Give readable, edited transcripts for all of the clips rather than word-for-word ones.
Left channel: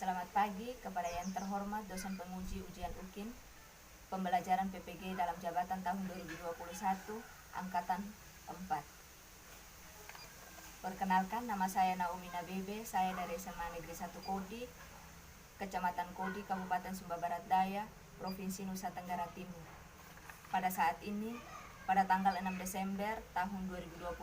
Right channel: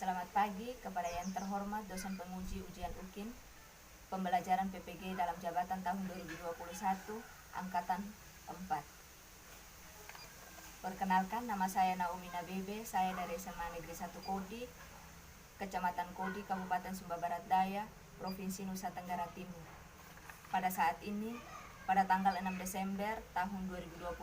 Selamat pagi kepada yang terhormat dosen penguji ujian UKIN Pembelajaran PPG dalam jabatan tahun 2021 Angkatan 4. Perkenalkan, nama saya Naomi Nabebe, saya dari SMA Negeri 1 Kodi, Kecamatan Kodi, Kabupaten Sumba Barat Daya, Provinsi Nusa Tenggara Timur. Pada saat ini, pada tanggal 6 Desember tahun 2021,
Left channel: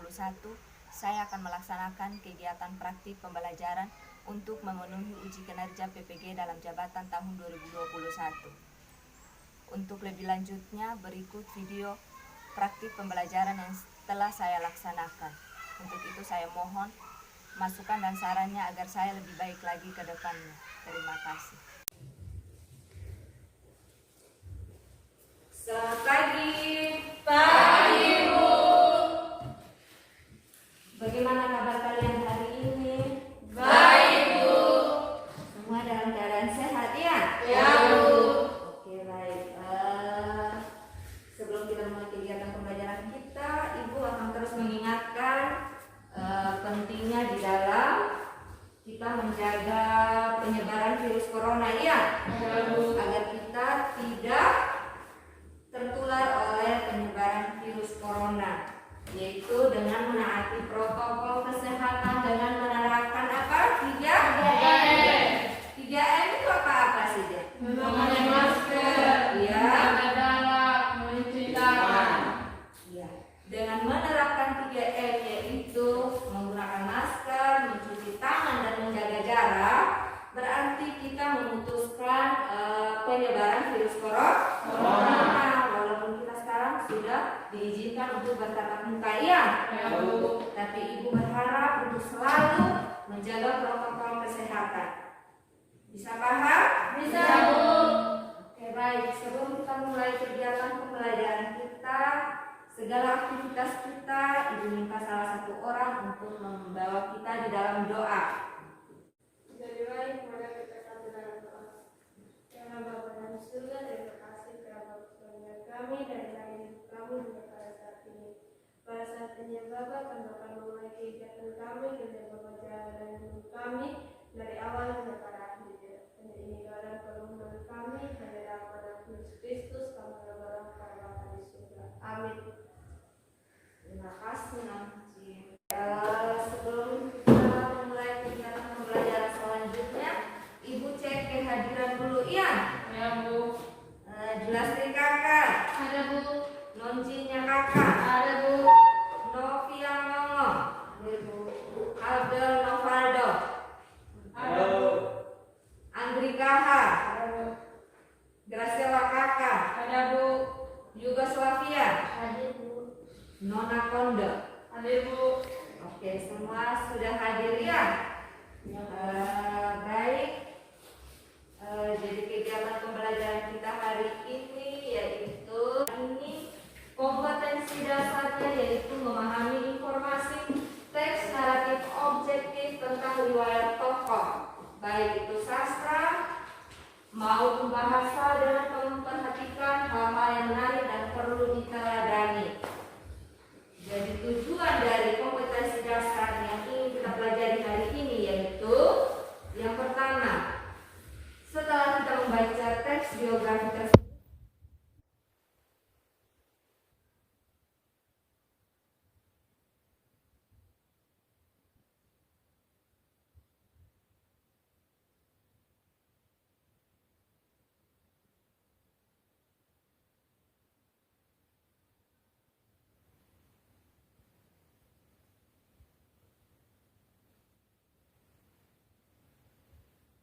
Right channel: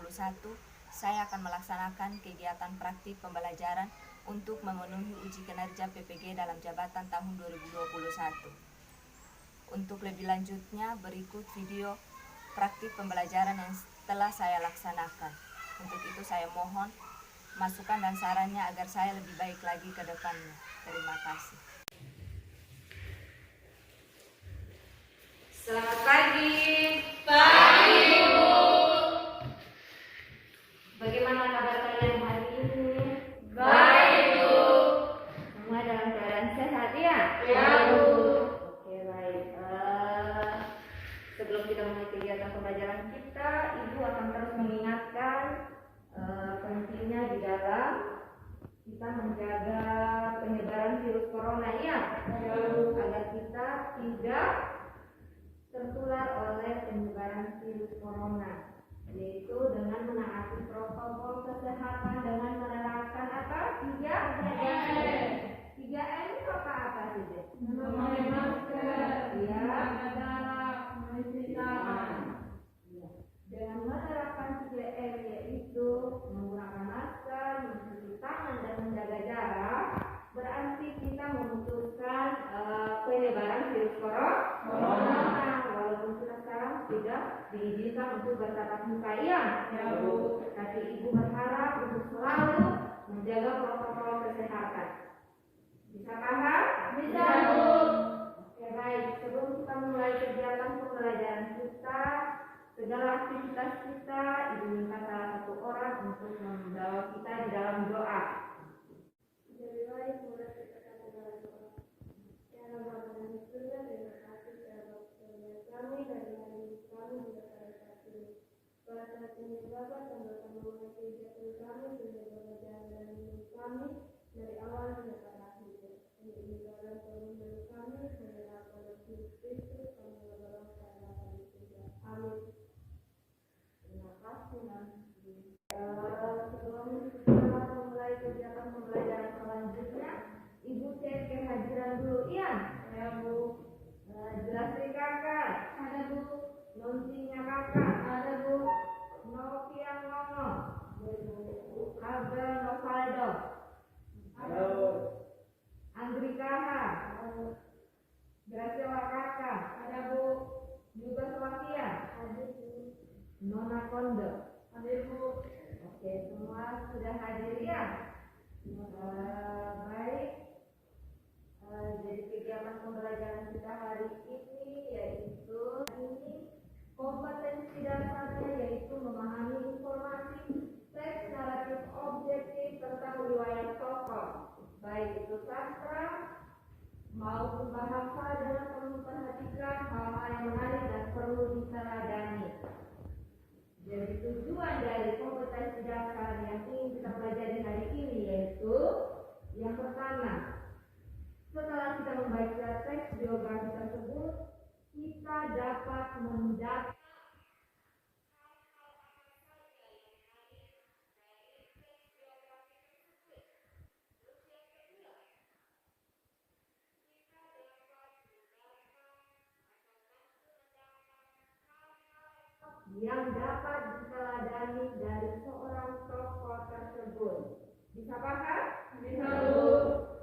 saya akan melaksanakan kegiatan praktik pembelajaran untuk memenuhi uji kinerja PPG dalam jabatan tahun 2021. Untuk lebih lanjutnya, berikut video praktik pembelajaran yang telah saya laksanakan. Untuk itu saya mohon masukan dan sarannya agar saya lebih baik lagi ke depannya. Terima kasih. Selamat pagi. Pagi, Bu. Bagaimana kabar kalian hari ini? Baik, Bu. Semua dalam keadaan sehat ya? Ya, Bu. Oke, baik. Sebelum kita mulai kegiatan pembelajaran kita, Ibu akan terus mengingatkan pentingnya di dalam kita menjaga penyebaran virus corona ya? Ya, Bu. Agar kita tidak tertular oleh penyebaran virus corona, yaitu dengan menaati protokol kesehatan dengan menerapkan apa? 3M itu apa saja? Memakai masker, Iya. menjaga jarak, mencuci tangan. Ya, dengan menerapkan 3M yaitu menggunakan masker, mencuci tangan dan menjaga jarak, berarti kita memutuskan penyebaran virus corona. Walaupun kita sekarang sudah diizinkan untuk bertatap muka ya, Bu. tapi Ibu berharap untuk selalu menjaga protokol kesehatan. Bisa paham? Bisa, Bu. Oke, baik. Sebelum kita mulai kegiatan pembelajaran kita, segala aktivitas kita, Ibu minta salah satu orang untuk membawa kita di dalam doa. Jadi baik, mari kita satu dalam doa. Ya Allah, Bapa yang di surga, terima kasih kerana pertolongan kami dari hari hidup kami hingga pada saat ini. Pada saat ini, Bapa, kami akan memulai kegiatan kami dengan pembelajaran dan hidup kami dari awal hingga pada akhir. Hanya ini dalam permohonan kami, hanya dalam nama Yesus Kristus, kami berdoa kepada Bapa di surga. Amin. Terima kasih, Nancy. Sebelum kita memulai kegiatan pembelajaran selanjutnya, Ibu cek kehadiran dulu ya. Ya, Bu. Julastri kakak, Ada, Bu. Noncinya kakak, Ada, Bu. Novia Nono, Ada, Bu. Abdel Novaldo, Ada, Bu. Andri Kaha, Ada, Bu. Graciela kakak, Ada, Bu. Yugoslavia, Ada, Bu. Nona Kondo. Ada, Bu. Oke, semua sudah hadir ya. Baik. Jadi kegiatan pembelajaran kita hari ini yaitu kompetensi dasarnya yaitu memahami informasi teks naratif objektif tentang riwayat tokoh, baik itu sastra maupun bahasa, dengan memperhatikan hal-hal yang menarik dan perlu diteladani. Jadi tujuan dari kompetensi dasar yang ingin kita pelajari hari ini yaitu yang pertama, setelah kita membaca teks biografi tersebut, kita dapat mendapatkan yang dapat diteladani dari seorang tokoh tersebut. Bisa paham? Bisa, Bu.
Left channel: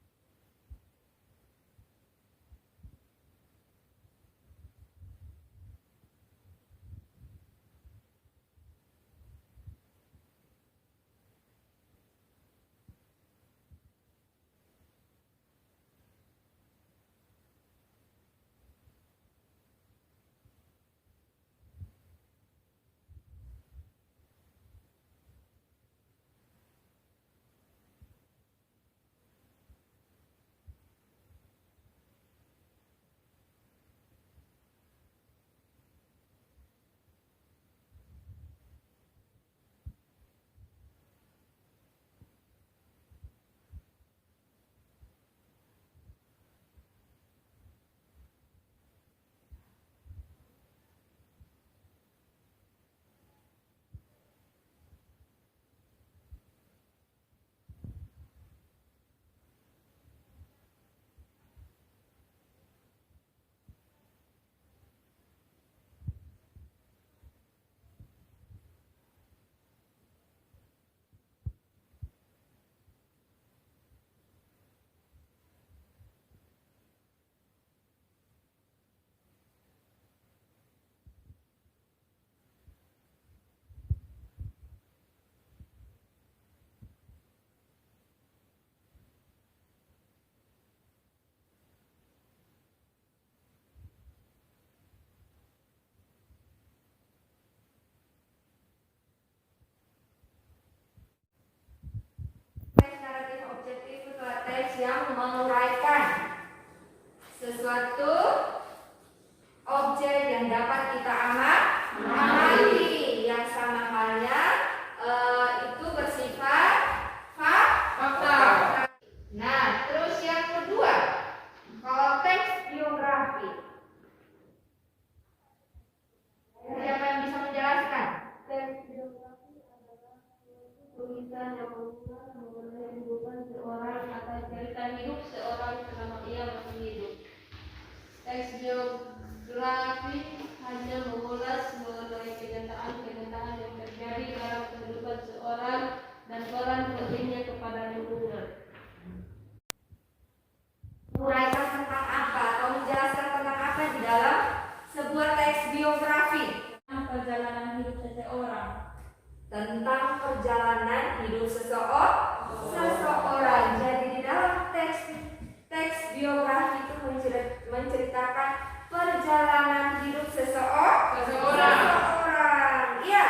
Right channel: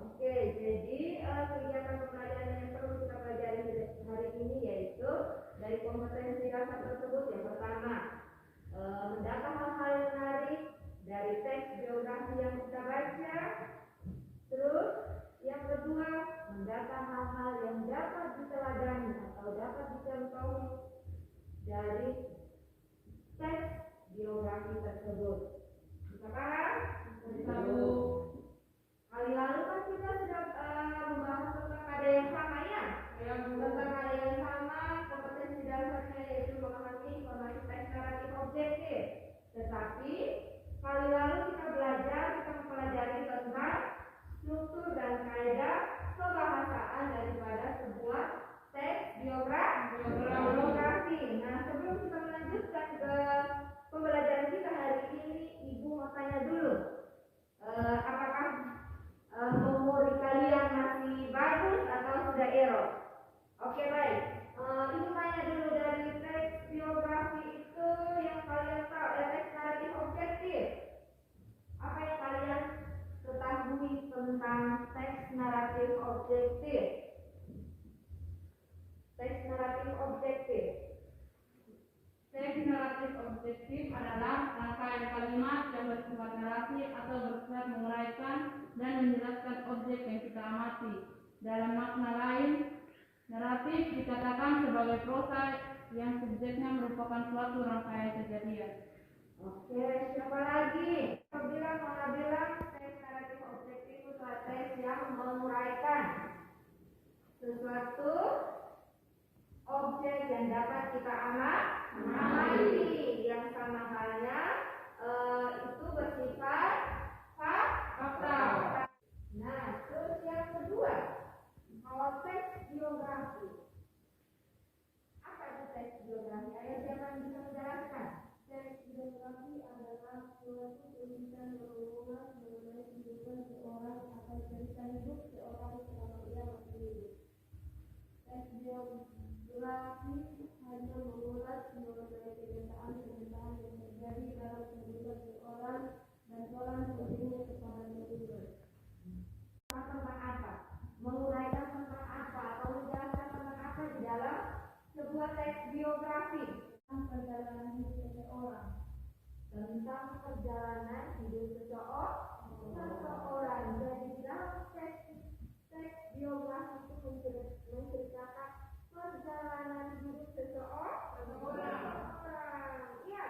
Oke, jadi kegiatan pembelajaran yang perlu kita pelajari hari ini yaitu dari kompetensi dasar tersebut. Yang pertama, mendata hal-hal yang menarik dari teks biografi yang kita baca. Terus, yang kedua, mendata hal-hal yang dapat diteladani atau dapat dicontohi dari teks biografi tersebut. Bisa paham? Bisa, Bu. Kali lalu kan kita sudah membahas tentang ada yang sama ya? Ya, Bu. Tentang ada yang sama, kompetensi dasarnya yaitu memahami informasi teks naratif objektif. Tetapi kali lalu kita mempelajari tentang struktur dan kaidah naratif objektif. Teks naratif objektif. Teks naratif objektif adalah rangkaian kalimat yang bersifat narasi atau bersifat menguraikan dan menjelaskan objek yang kita amati. Dalam makna lain, naratif dikatakan sebagai prosa yang subjeknya merupakan suatu rangkaian kejadian. Oke, siapa lagi? Mana bilang Teks naratif objektif itu adalah teks yang menguraikan sesuatu objek yang dapat kita amati, yang sama halnya itu bersifat fakta. Nah, terus yang kedua, kalau teks biografi, apa itu teks biografi? Siapa yang bisa menjelaskan? teks biografi adalah suatu tulisan yang mengulas mengenai kehidupan seorang atau cerita hidup seorang selama ia masih hidup. Teks biografi hanya mengulas mengenai kenyataan-kenyataan yang terjadi dalam kehidupan seorang dan peran pentingnya kepada lingkungan. Tentang apa? Menguraikan tentang apa atau menjelaskan tentang apa di dalam sebuah teks biografi? Perjalanan hidup seseorang. Tentang perjalanan hidup seseorang. Jadi di dalam teks biografi itu menceritakan perjalanan hidup seseorang. Iya.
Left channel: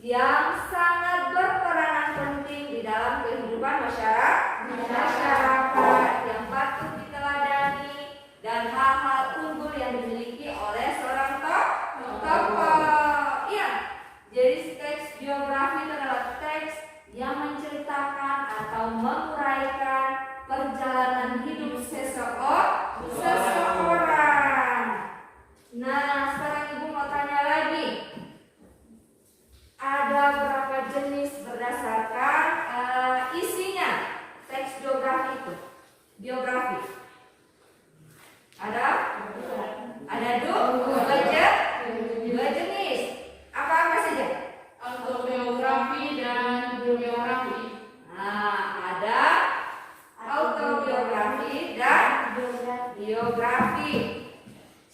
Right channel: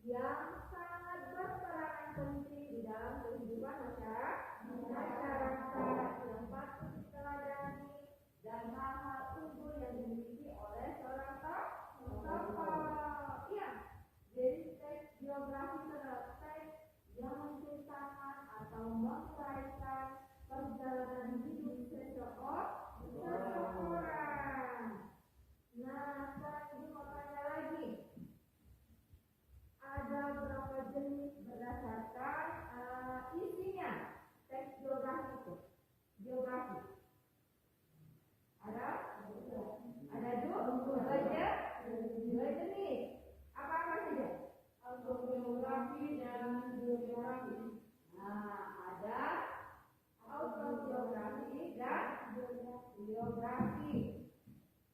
Yang sangat berperanan penting di dalam kehidupan masyarakat yang patut diteladani dan hal-hal unggul yang dimiliki oleh seorang tokoh. Iya. Jadi teks biografi itu adalah teks yang menceritakan atau menguraikan perjalanan hidup seseorang. Nah, sekarang Ibu mau tanya lagi. Ada berapa jenis berdasarkan isinya teks biografi itu? Biografi. Ada dua jenis. Apa saja? Autobiografi dan biografi. Nah, ada autobiografi dan biografi.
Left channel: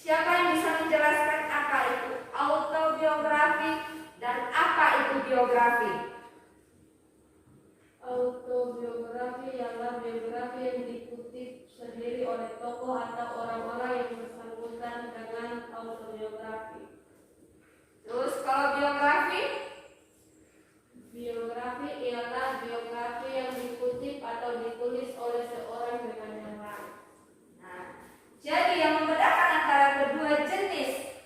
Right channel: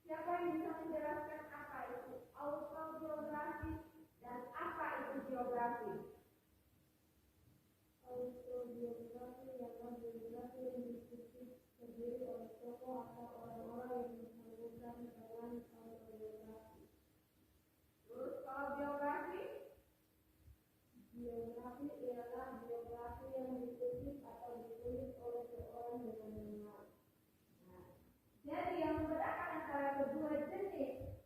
Siapa yang bisa menjelaskan apa itu autobiografi dan apa itu biografi? Autobiografi ialah biografi yang dikutip sendiri oleh tokoh atau orang-orang yang bersangkutan dengan autobiografi. Terus kalau biografi? Biografi ialah biografi yang dikutip atau ditulis oleh seorang dengan yang lain. Nah, jadi yang membedakan antara kedua jenis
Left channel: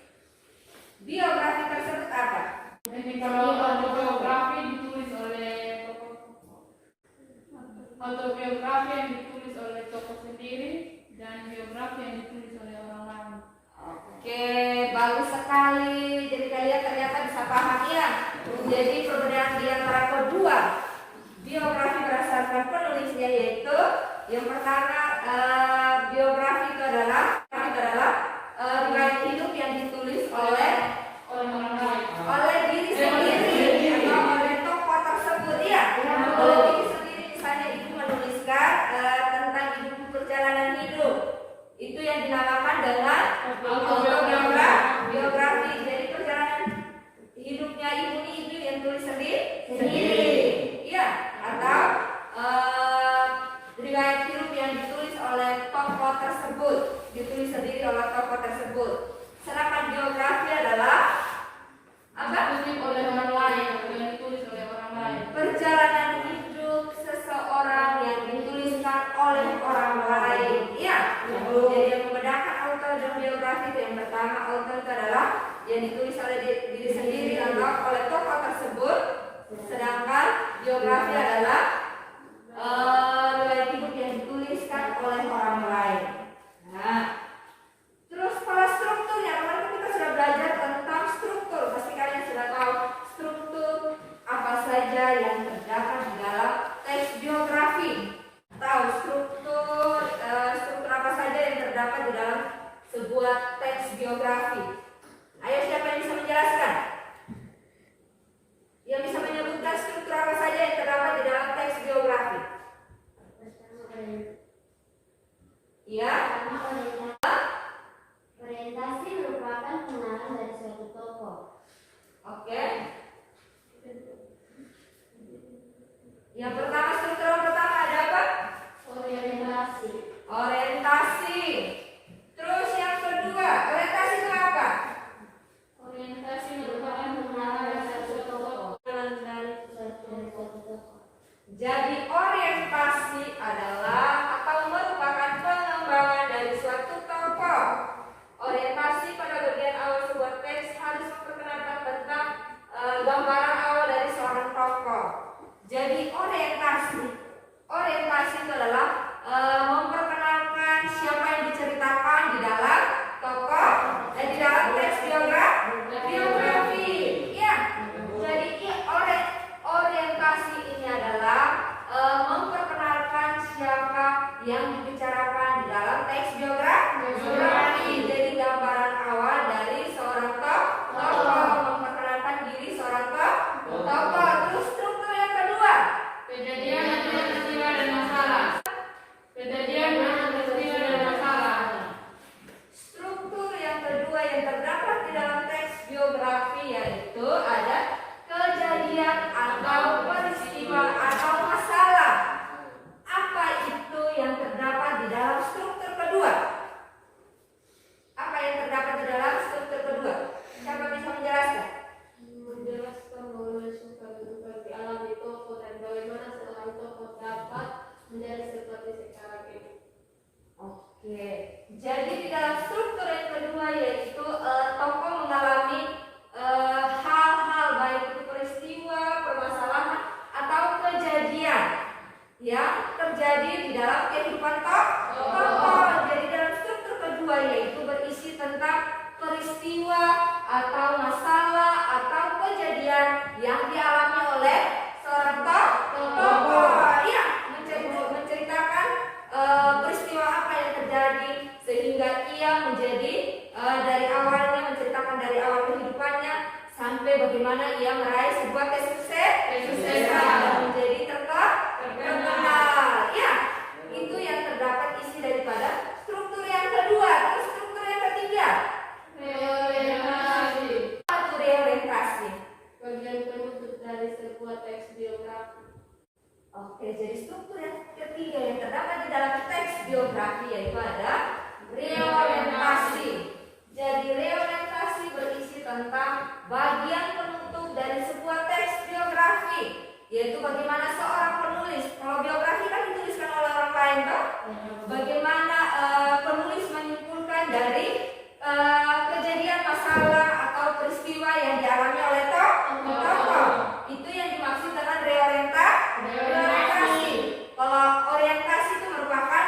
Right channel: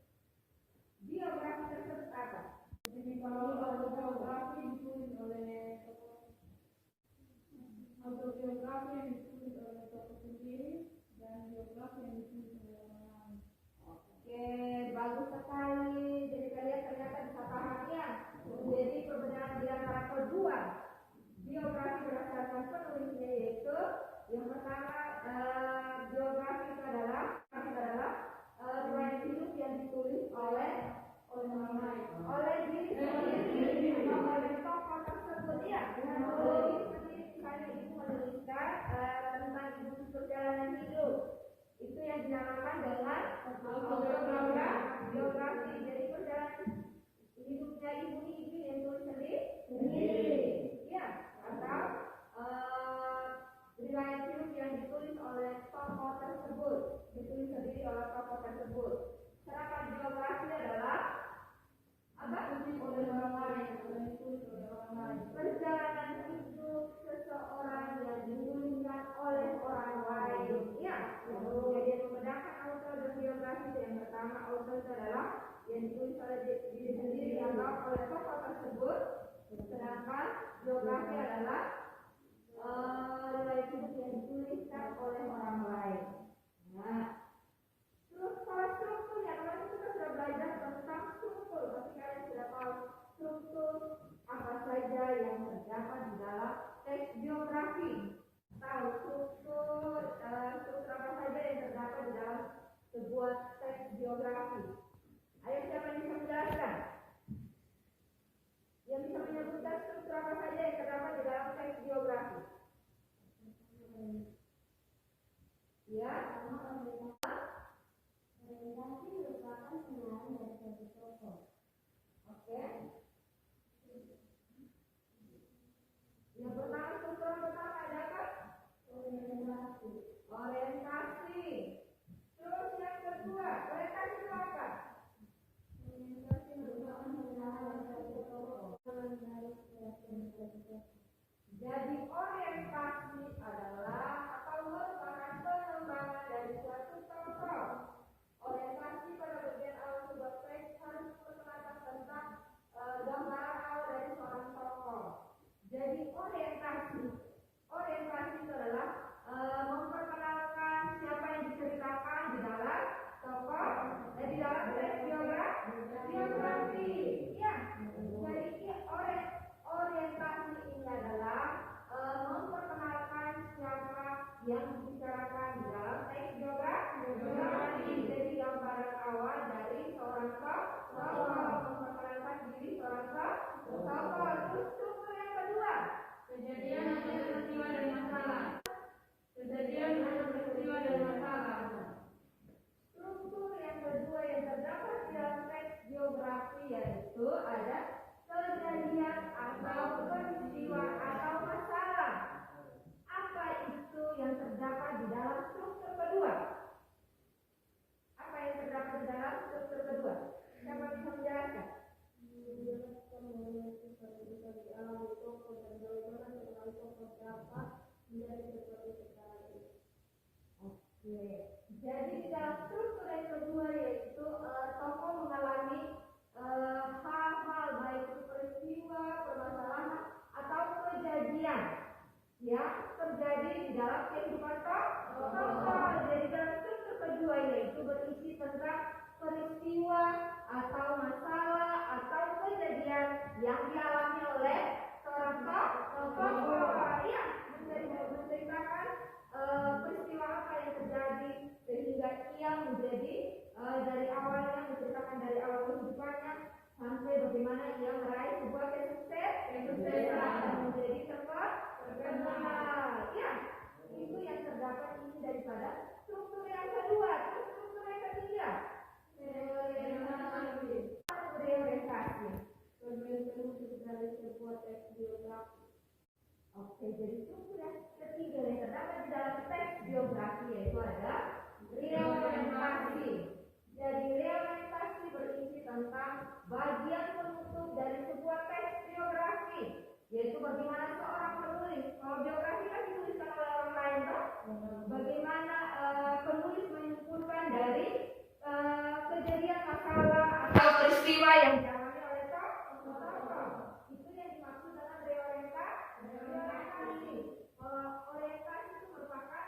biografi tersebut apa? Jadi kalau autobiografi ditulis oleh tokoh, autobiografi yang ditulis oleh tokoh sendiri dan biografi yang ditulis oleh orang lain. Oke, bagus sekali. Jadi kalian ternyata bisa paham ya. Jadi perbedaan di antara kedua biografi berdasarkan penulisnya yaitu yang pertama biografi itu adalah riwayat hidup yang ditulis oleh diri sendiri atau oleh tokoh tersebut ya. Oleh diri sendiri, misalnya ibu menuliskan tentang ibu perjalanan hidup, itu yang dinamakan dengan autobiografi. Jadi perjalanan hidupnya ibu ini ibu yang tulis sendiri, ya. Atau yang dibicarakan di dalam teks biografi. Jadi gambaran awal dari seorang tokoh, memperkenalkan diri seorang tokoh. Terus struktur yang kedua, Kejadian, peristiwa dan masalah. Kejadian, peristiwa dan masalah. Struktur yang kedua yang terdapat di dalam teks biografi yaitu ada kejadian atau peristiwa atau masalah. Apa itu yang terdapat di dalam struktur kedua? Apa yang terdapat di dalam struktur kedua? Siapa bisa menjelaskan? Menjelaskan mengenai suka duka dialami tokoh dan bagaimana seorang tokoh dapat menjadi seperti sekarang ini. Oke, jadi di dalam struktur yang kedua yaitu tokoh mengalami hal-hal baik itu peristiwa, permasalahan atau kejadian yang terjadi di dalam kehidupan tokoh. Jadi dalam struktur kedua yaitu berisi tentang peristiwa atau masalah atau kejadian yang dialami oleh seorang tokoh. Ya, menceritakan peristiwa apa yang terjadi sehingga ia menjadi dari awalnya menceritakan dari awal kehidupannya sampai bagaimana ia meraih sebuah kesuksesan dan menjadi terkenal. Ya, itu yang terdapat isi daripada struktur yang kedua. Terus struktur yang ketiga, Reorientasi. apa reorientasi? Bagian penutup dari sebuah teks biografi. Oke, jadi struktur yang ketiga yang terdapat di dalam teks biografi yaitu ada reorientasi. Jadi reorientasi berisi tentang bagian penutup dari sebuah teks biografi, yaitu bagaimana seorang penulis, kalau biografi kan dituliskan oleh orang lain, toh? Bagaimana penulis menyimpulkan dari kejadian masalah atau peristiwa yang dialami oleh tokoh. Itu yang dimaksud dengan reorientasi. Kalau orientasi itu merupakan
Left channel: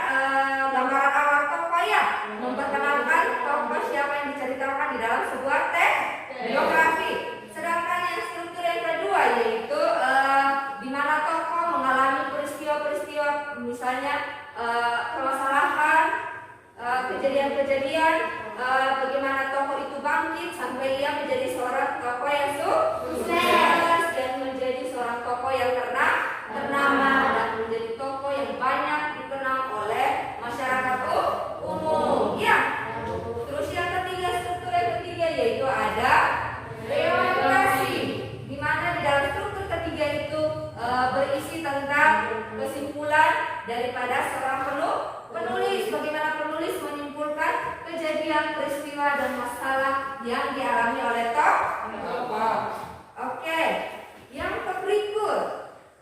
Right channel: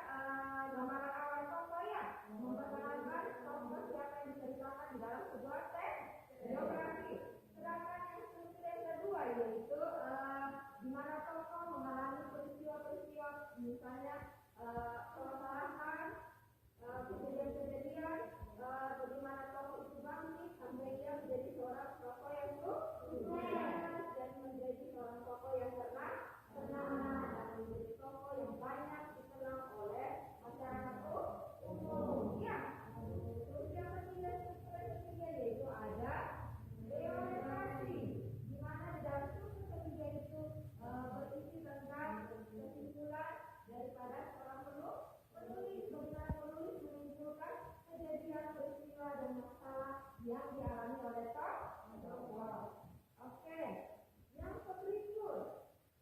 gambaran awal tokoh ya, memperkenalkan tokoh siapa yang diceritakan di dalam sebuah teks biografi. Sedangkan yang struktur yang kedua yaitu di mana tokoh mengalami peristiwa-peristiwa, misalnya permasalahan, kejadian-kejadian, bagaimana tokoh itu bangkit sampai ia menjadi seorang tokoh yang sukses dan menjadi seorang tokoh yang ternama dan menjadi tokoh yang banyak dikenal oleh masyarakat umum. Ya. Terus yang ketiga, struktur yang ketiga yaitu ada reorientasi, di mana di dalam struktur ketiga itu berisi tentang kesimpulan daripada seorang penulis, bagaimana penulis menyimpulkan kejadian, peristiwa dan masalah yang dialami oleh tokoh. Oke, yang berikut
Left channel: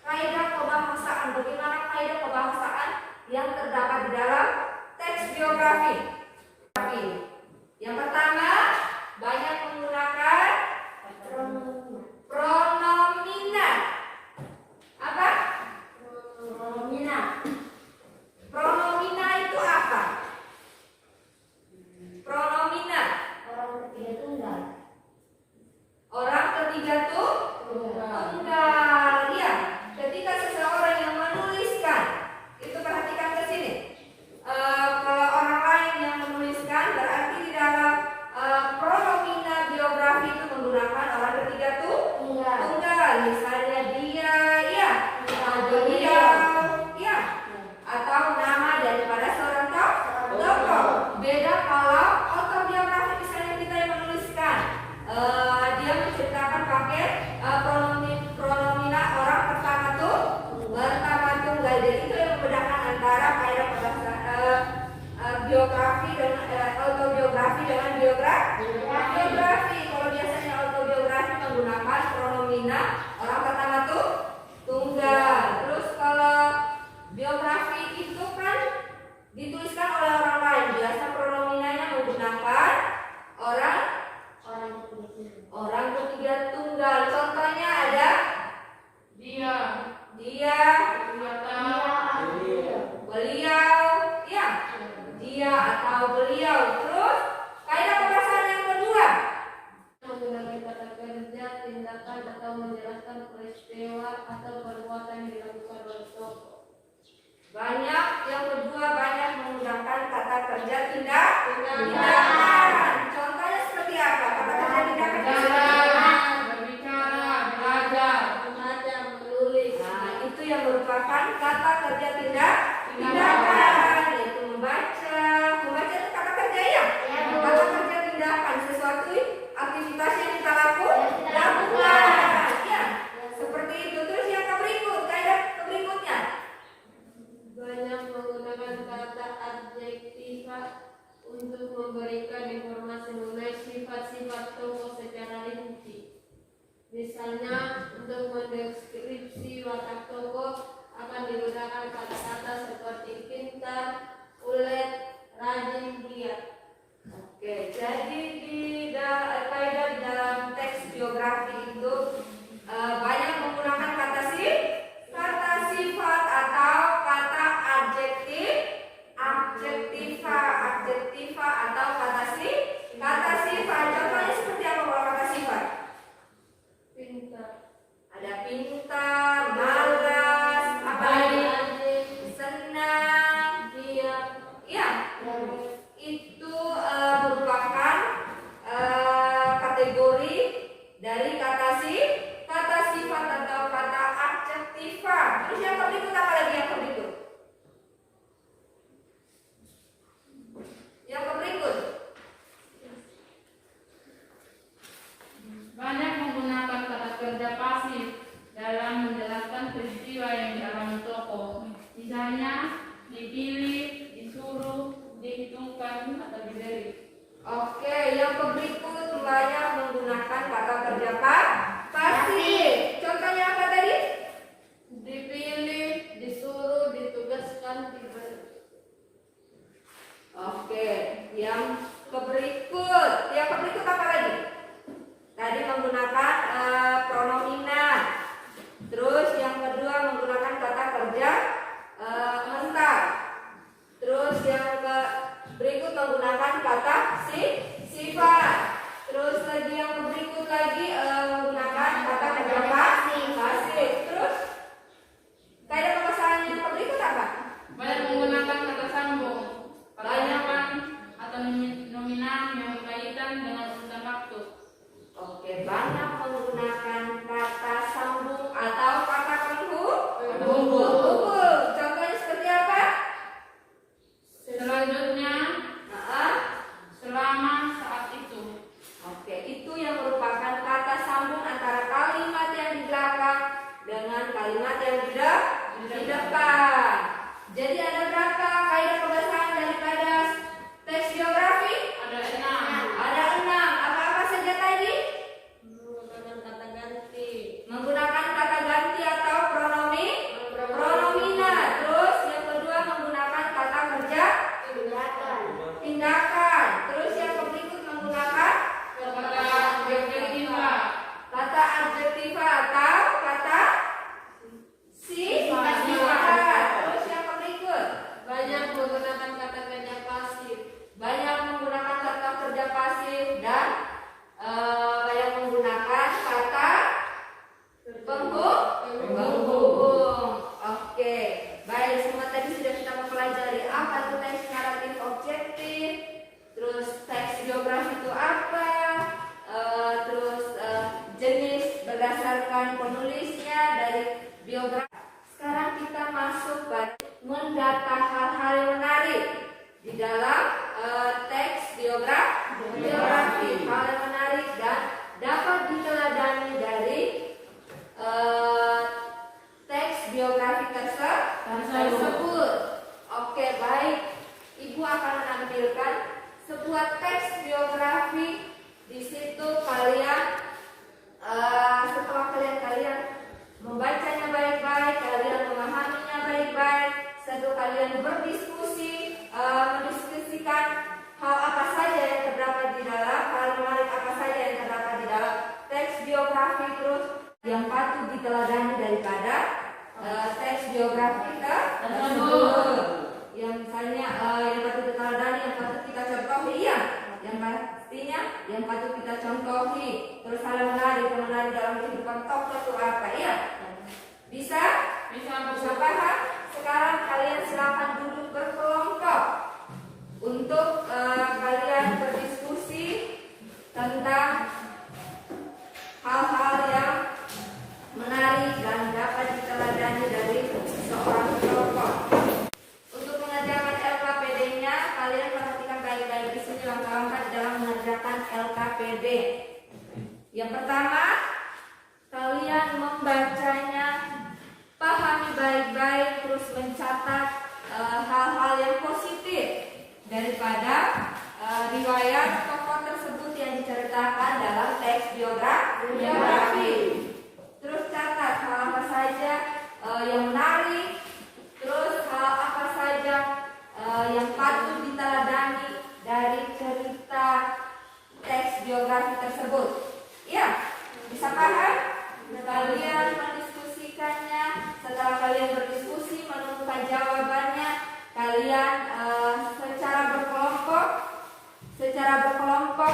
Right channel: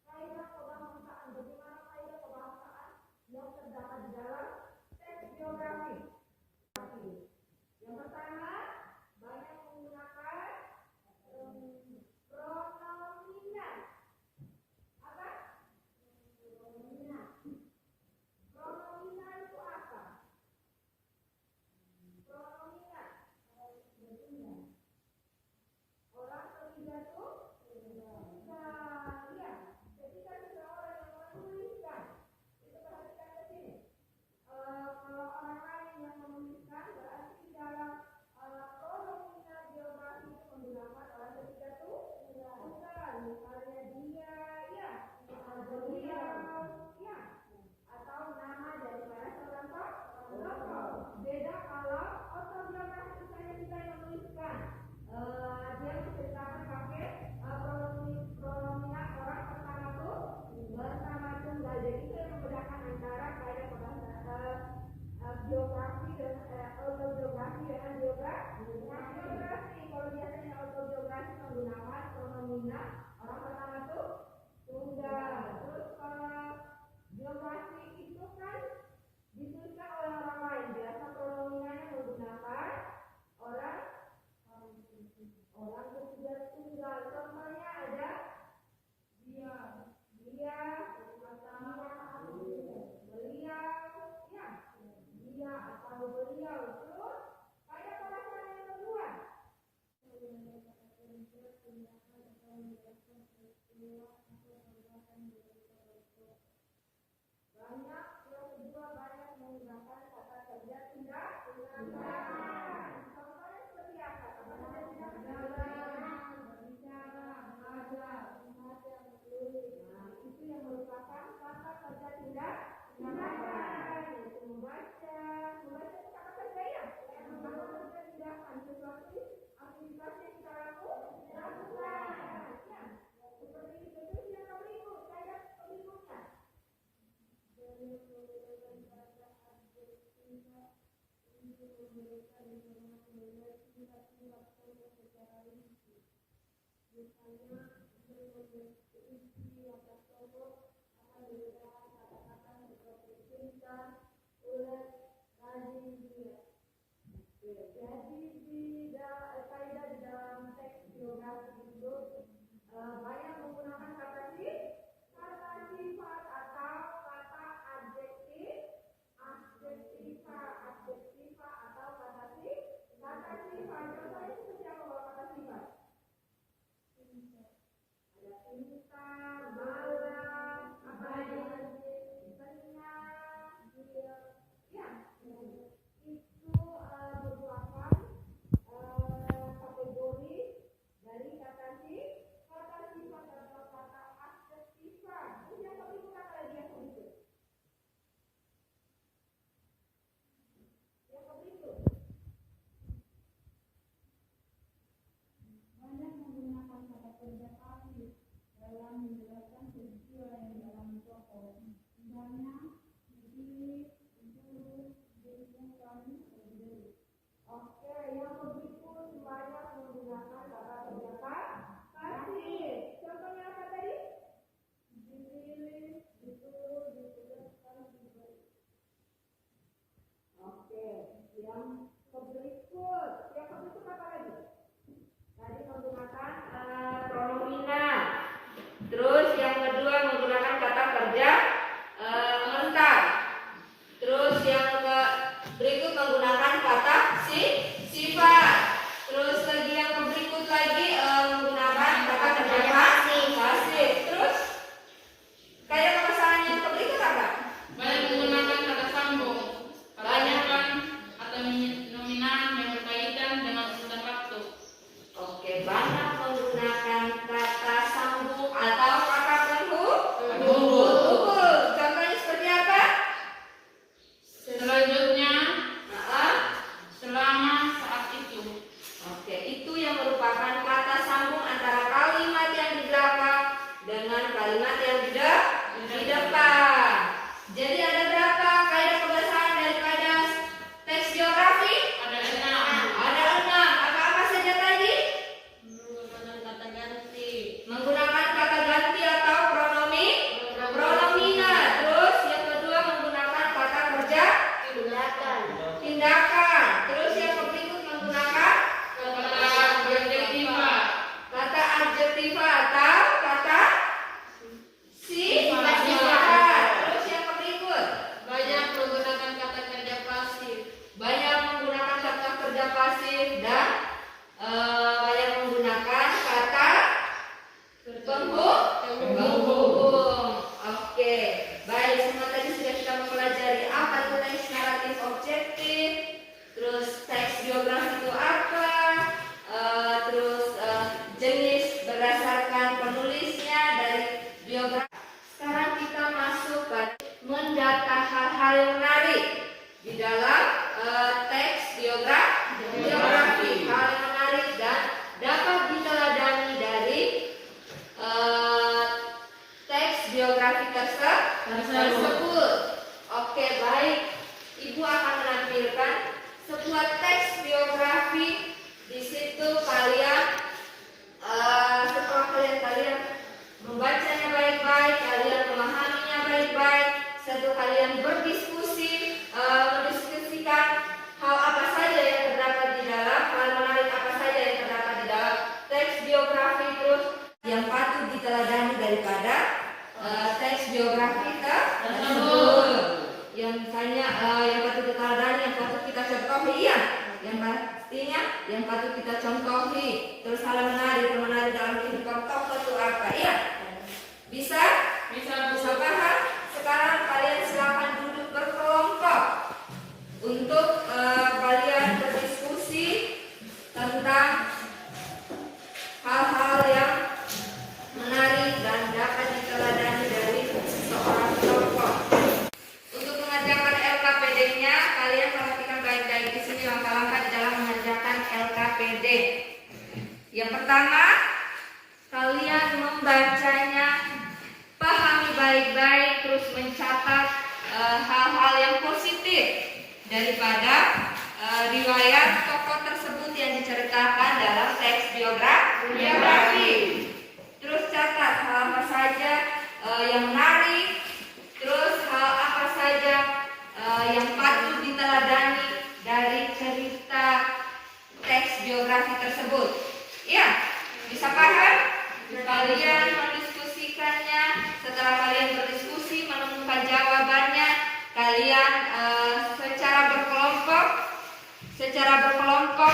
kaidah pembahasaan. Bagaimana kaidah pembahasaan yang terdapat di dalam teks biografi? Yang pertama, banyak menggunakan pronomina. Apa? Pronomina itu apa? Pronomina. Orang ketiga tunggal. Ya, ketika seseorang yang menuliskan, itu perhatikan ke sini. Kalau orang lain yang menuliskan, berarti di dalam pronomina biografi itu menggunakan orang ketiga tunggal. Misalnya dia, ya, beliau, ya, atau nama daripada seorang tokoh. Beda kalau autobiografi, misalnya kita yang menuliskan, dia menceritakan pakai pronomina orang pertama tunggal. Jadi itu yang membedakan antara kaidah pembahasaan biografi dengan autobiografi dengan biografi. Kalau biasanya autobiografi menggunakan pronomina orang pertama tunggal. Terus kalau biografi itu kan dituliskan oleh orang lain, biasa pronominanya menggunakan orang ketiga tunggal. Contohnya ada Dia, beliau, ya, dia atau beliau. Terus kaidah pembahasan yang kedua, menggunakan kata kerja, tindakan atau menjelaskan Tindakan. Contohnya seperti apa? Kata kerja tindakan itu seperti apa? berbicara, belajar, membaca, menulis. Nah, itu yang merupakan kata kerja tindakan, yaitu membaca. Membaca itu kata kerja ya? Kata kerja tindakan, sesuatu aktivitas yang kita lakukan. Ya, seperti itu. Terus yang kaidah berikutnya. Banyak menggunakan kata adjektiva untuk memberikan informasi mengenai sifat-sifat tokoh secara rinci. Misalnya, untuk mendeskripsi watak tokoh akan digunakan kata-kata seperti pintar, ulet, rajin, giat. Oke, jadi di kaidah di dalam teks biografi itu banyak menggunakan kata sifat atau kata adjektiva atau kata sifat. Contohnya seperti apa kalau kata sifat? Pintar, Ada pintar, malas, apa lagi? rajin, Senang. giat, Ya, itu merupakan kategori dari kata sifat atau kata adjektiva. Terus yang berikut apa lagi yang berikut? Yang berikut. banyak menggunakan kata kerja pasif dalam menjelaskan peristiwa yang dialami tokoh. Misalnya, dipilih, disuruh, dihitungkan, atau diberi. Oke, yang berikut banyak menggunakan kata kerja pasif. Contohnya apa tadi? Dipilih, disuruh, ditugaskan, diberi. Oke, yang berikut. Yang berikut apa lagi? Tadi menggunakan pronominal. Terus yang kedua menggunakan kata kerja mental. Terus yang berikut menggunakan kata sifat. Terus lagi yang berikut lagi menggunakan kata kerja pasif. Terus kaidah permasalahan yang berikut apa? Banyak menggunakan kata sambung, kebanyakan atau nominal yang berkaitan dengan urutan waktu. Oke, banyak menggunakan kata sambung atau kata penghubung. Contohnya seperti apa? Selanjutnya, Nah, selama, saat itu. oke, itu yang merupakan kata sambung antara kalimat yang di belakang dengan kalimat yang di depan. Jadi ada berapa kaidah pembahasan dari kaidah teks biografi? Ada 6. Ada 6. Apa-apa saja tadi? Menggunakan kata ganti, Menggunakan kata ganti atau pronominal. Terus yang kedua menggunakan kata kerja tindakan. Terus yang berikut menggunakan kata adjektiva, kata adjektiva atau kata sifat. Terus yang berikut banyak menggunakan kata kerja pasif, banyak menggunakan kata kerja pasif dan banyak menggunakan kata penghubung. Oke, baik, semua tadi sudah kita mempelajari apa itu teks naratif objektif, terus teks biografi itu apa, terus jenis berdasarkan penulisnya dari biografi. Sekarang kita masuk ke mendata hal-hal yang menarik di dalam teks biografi, hal yang menarik dan dapat diteladani dari teks biografi tersebut. Oke, baik. Ibu akan menampilkan sebuah teks biografi. Di situ kalian setelah kalian membacanya baik-baik, kalian memahaminya baik-baik, setelah kalian berdiskusi, mendiskusikan hal apa saja yang terdapat di dalam, hal menarik apa saja yang terdapat di dalam teks biografi, terus yang patut diteladani daripada teks biografi tersebut. Yang misalnya yang patut diteladani, yang patut kita contohi, ya. Yang pastinya yang patut kita contohi. Terus hal menarik dalam kehidupan tokoh itu apa, ya? Bisa paham? Sekarang kalian silakan duduk berkelompok untuk kalian dapat dalam mengerjakan LKPD? Yang pertama, kalian membacanya, pahami baik-baik, terus mencatat hal-hal yang positif daripada riwayat tokoh tersebut yang diceritakan dalam teks biografi. Terus catat hal apa saja yang menarik, terus hal apa saja yang patut diteladani dari cerita teks biografi tersebut. Ya, bisa paham? Kalian mendiskusikannya. Setelah kalian berdiskusi menemukan jawabannya, kalian secara berkelompok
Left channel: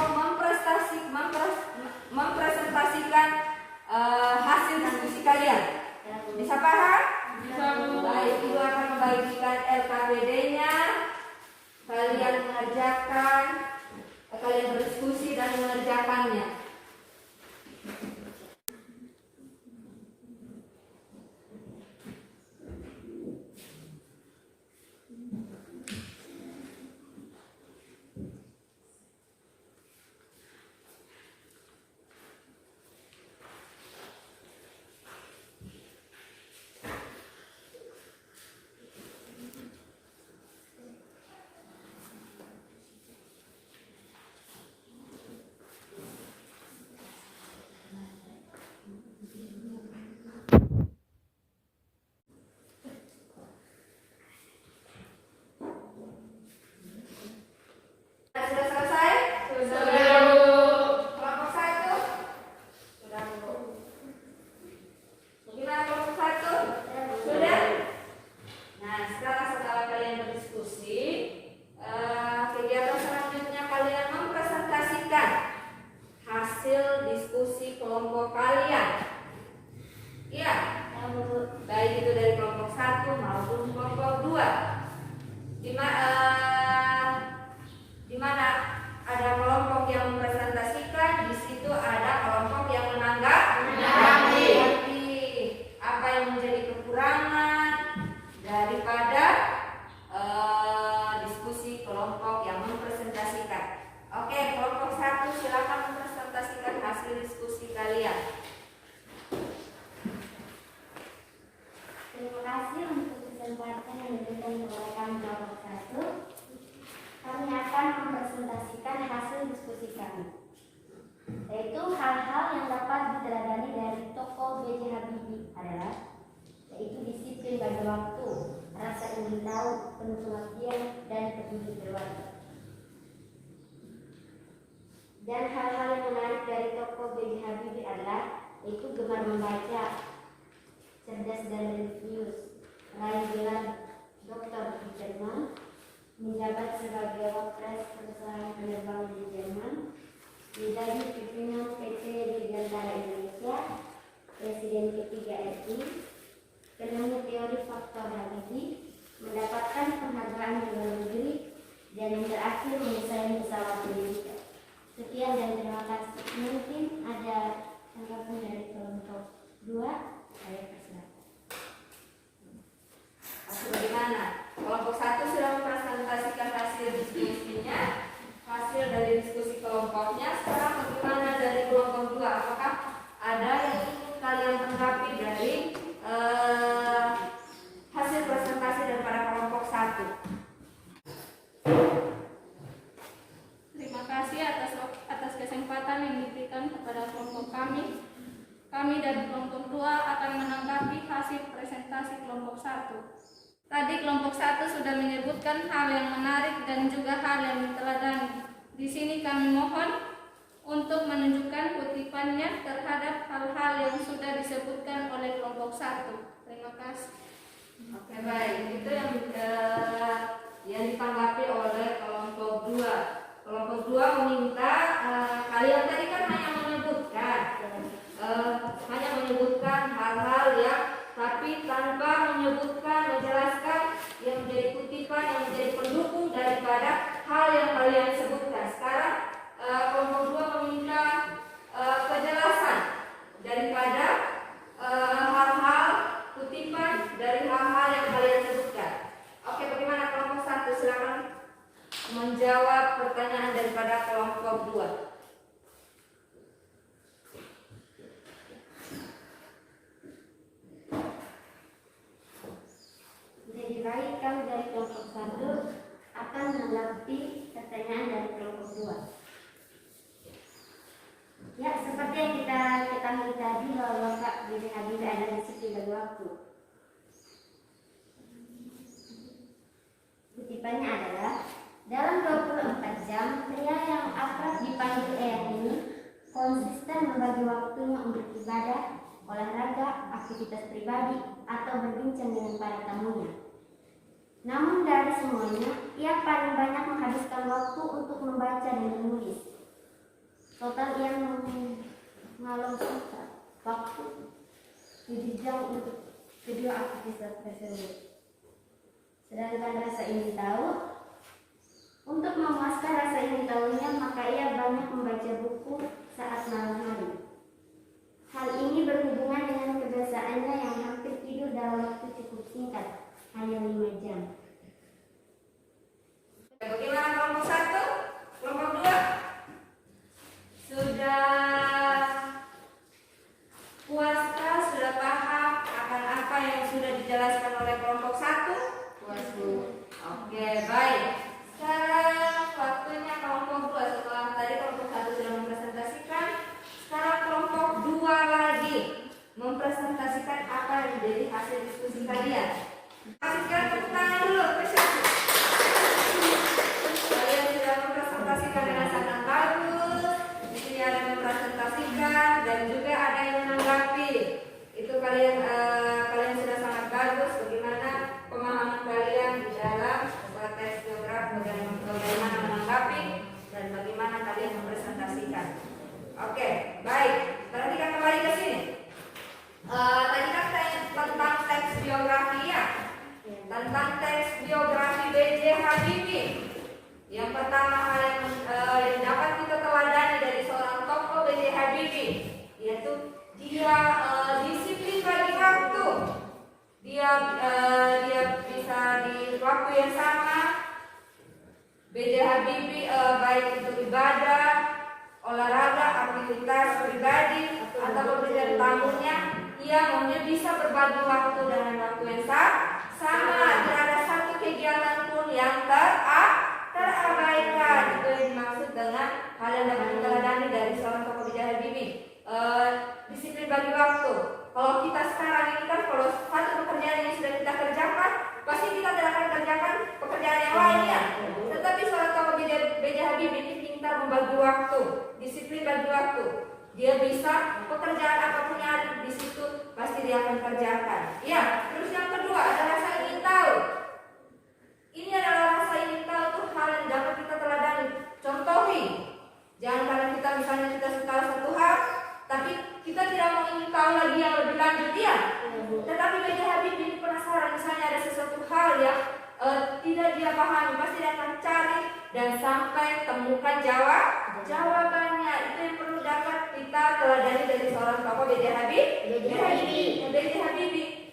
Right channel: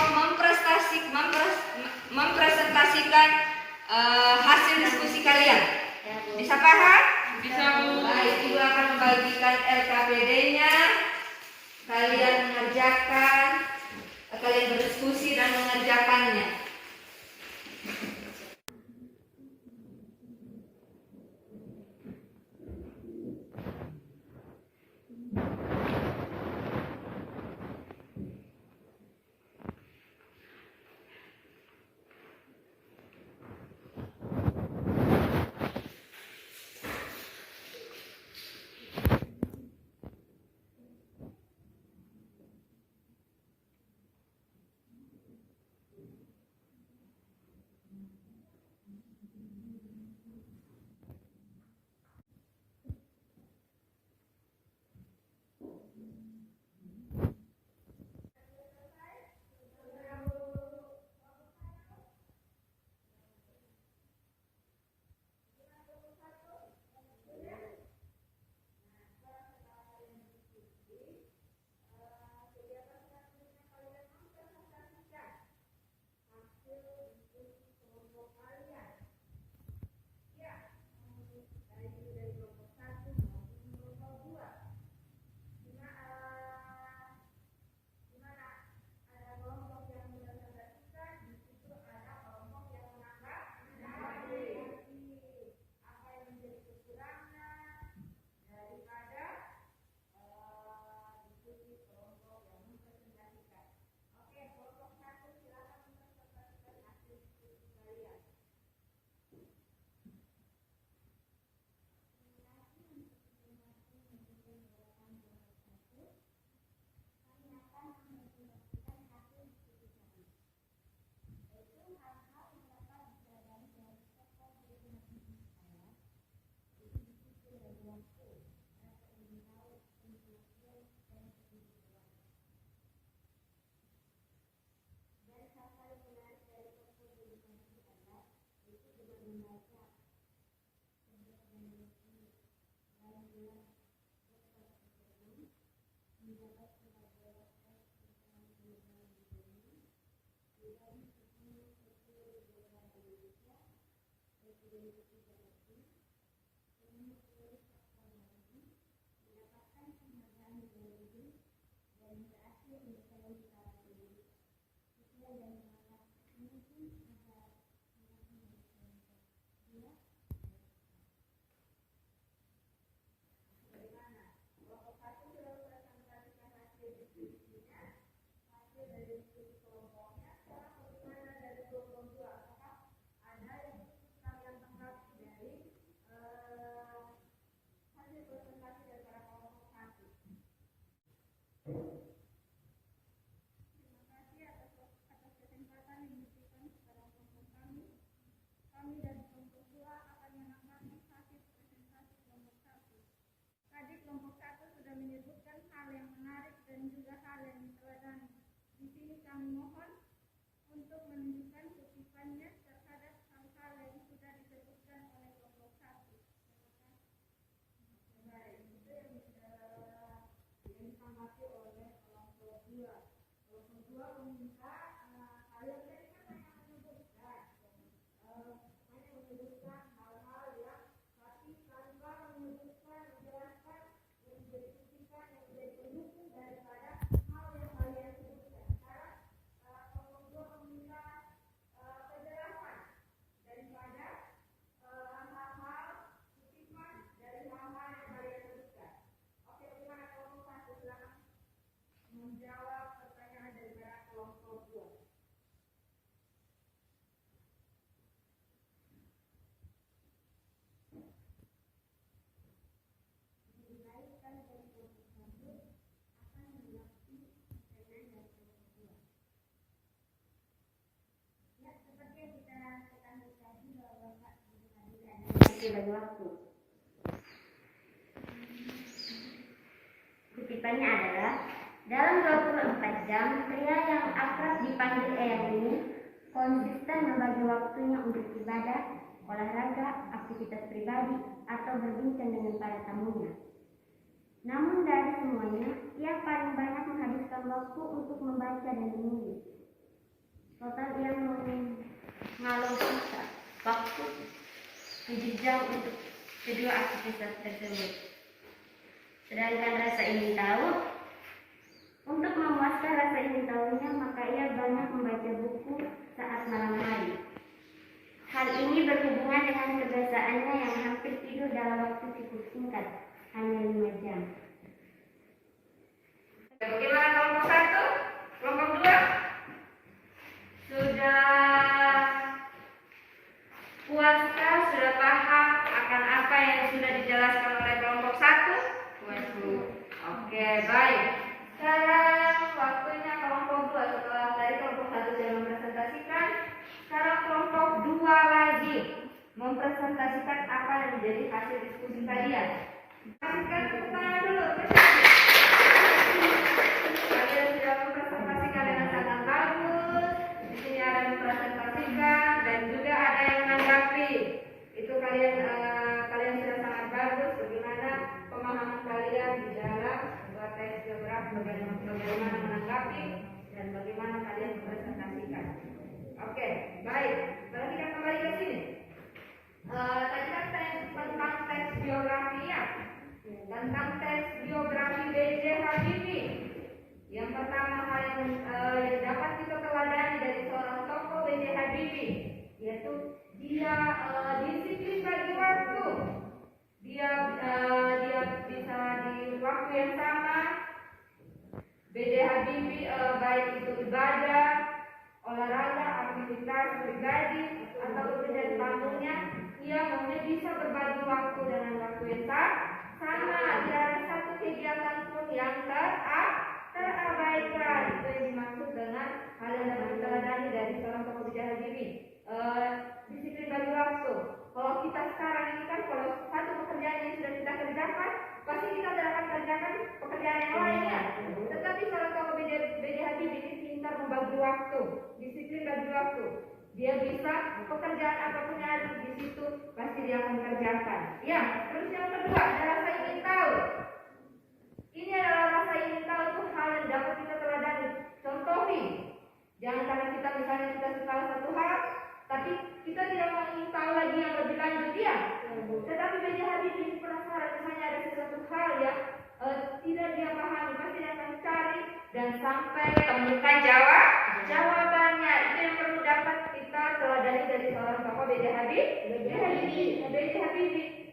mempresentasikan hasil diskusi kalian. Bisa paham? Bisa, Bu. Baik, Ibu akan membagikan LKPD-nya. Kalian mengerjakan, kalian berdiskusi dan mengerjakannya. Sudah selesai? Sudah, Bu. Kelompok 1? Sudah, Bu. Gimana kelompok 1? Sudah? Nah, setelah kalian berdiskusi, kegiatan selanjutnya kalian mempresentasikan hasil diskusi kelompok kalian. Iya, baik itu dari kelompok 1 maupun kelompok 2. Di mana ada kelompok yang mempresentasikan, di situ ada kelompok yang menanggapi apa yang menjadi kekurangan daripada diskusi kelompok yang mempresentasikan. Oke, kelompok 1 silakan mempresentasikan hasil diskusi kalian. Terima kasih untuk kesempatan yang diberikan kepada kami kelompok 1. Kami akan mempresentasikan hasil diskusi kami, yaitu hal-hal yang dapat diteladani dari tokoh B.J. Habibie adalah yaitu disiplin bagi waktu, rasa ingin tahu, penuh pengertian, dan peduli keluarga. Dan hal-hal yang menarik dari tokoh B.J. Habibie adalah yaitu gemar membaca, cerdas dan religius, raih gelar doktor di Jerman, menjabat sebagai Wapres perusahaan penerbangan di Jerman, menjadi pimpinan PT Dirgantara Indonesia, Presiden ketiga RI, penemu teori faktor Habibie, mendapatkan penghargaan di luar negeri, dan yang terakhir mendesain pesawat militer. Sekian dan terima kasih. Mungkin ada tanggapan dari kelompok 2. Saya persilakan. Bagaimana? Kelompok 1 sudah mempresentasikan hasil diskusinya, hasil dari diskusi kelompoknya. Sekarang bagaimana dari kelompok 2? Apakah ada yang ingin kalian tanggapi dari hasil presentasi daripada kelompok 1? Terima kasih atas kesempatan yang diberikan kepada kelompok kami. Kami dari kelompok 2 akan menanggapi hasil presentasi kelompok 1. Tadi kelompok 1 sudah menyebutkan hal yang menarik dan juga hal yang diteladani. Di sini kami mohon untuk menunjukkan kutipannya terhadap hal-hal yang sudah disebutkan oleh kelompok 1. Terima kasih. Oke, baik. Itu yang ditanggapi oleh kelompok 2. Kelompok 2 meminta kalian tadi kan hanya menyebutkan hal-hal yang tapi tanpa menjelaskan yang menjadi kutipan, yang menjadi pendukung daripada hal yang kalian sebutkan. Sekarang kelompok 2 meminta kejelasan daripada hal-hal kutipan dari hal-hal yang kalian sebutkan. Oke, bagaimana kelompok 1? Silakan menjawab pertanyaan pertanyaan daripada kelompok 2. Jadi baik, kami dari kelompok 1 akan menanggapi pertanyaan dari kelompok 2. Ya, seperti yang kita ketahui tadi bahwa Bapak B.J. Habibie adalah disiplin bagi waktu. Kutipannya adalah, dalam 24 jam, pria yang akrab dipanggil Eyang ini konsisten membagi waktunya untuk ibadah, olahraga, aktivitas pribadi, atau berbincang dengan para tamunya. Namun dari semuanya, ia paling banyak menghabiskan waktu untuk membaca dan menulis. Total ia mengalokasikan waktu 7 jam untuk kedua aktivitas tersebut. Sedangkan rasa ingin tahu, untuk memuaskan rasa ingin tahunya, maka ia banyak membaca buku saat malam hari. Hal ini berhubungan dengan kebiasaannya yang hampir tidur dalam waktu cukup singkat, hanya 5 jam. Bagaimana kelompok 1? Kelompok 2? Sudah puaskah, sudah paham akan apa yang sudah dijelaskan oleh kelompok 1? Puas, Bu. Oke, baik. Sekarang waktunya kelompok 2. Setelah tadi kelompok 1 sudah mempresentasikan, sekarang kelompok 2 lagi mempresentasikan apa yang menjadi hasil diskusi kalian. Kasihkan tepuk tangan dulu, apresiasi. Kalian sudah mempresentasikan dengan sangat bagus. Di sini ada mempresentasikan dan juga ada yang menanggapi. Itu kalian sudah sangat bagus. Bagaimana pemahaman kalian di dalam teks geografi, bagaimana menanggapi dan bagaimana kalian mempresentasikan. Oke, baik. Sekarang kita kembali ke sini. Tadi kan saya tentang teks biografi ya. Tentang teks biografi B.J. Habibie. Yang pertama hal yang dapat kita teladani dari seorang tokoh B.J. Habibie, yaitu dia disiplin bagi waktu. Dia bisa di waktu yang sama. B.J. Habibie baik itu ibadah, olahraga, aktivitas pribadi atau pekerjaan tamunya, ia maunya bisa berbagi waktu dengan waktu yang sama. Tidak ada satu kegiatan pun yang terabaikan. Itu yang dimaksud dengan hal yang dapat diteladani dari seorang tokoh B.J. Habibie. Disiplin bagi waktu. Kalau kita sekarang ini kan, kalau satu pekerjaan yang sudah kita kerjakan, pasti kita tidak akan kerjakan pekerjaan yang lainnya. Tetapi seorang tokoh B.J. Habibie ini pintar membagi waktu, disiplin bagi waktu. Dia bisa pekerjaan apapun yang ada di situ pasti dia akan kerjakan. Ya, terus yang kedua ada rasa ingin tahu. Ini adalah rasa ingin tahu tuh hal yang dapat kita teladani. Contohi, jangan karena kita misalnya kita suka satu hal, tapi kita tidak mau ingin tahu lagi yang lebih lanjut ya. Tetapi B.J. Habibie ini penasaran, misalnya ada sesuatu hal yang tidak dia pahami, pasti dia akan cari dan sampai temukan jawabannya. Itu yang perlu dapat kita teladani dari seorang tokoh B.J. Habibie.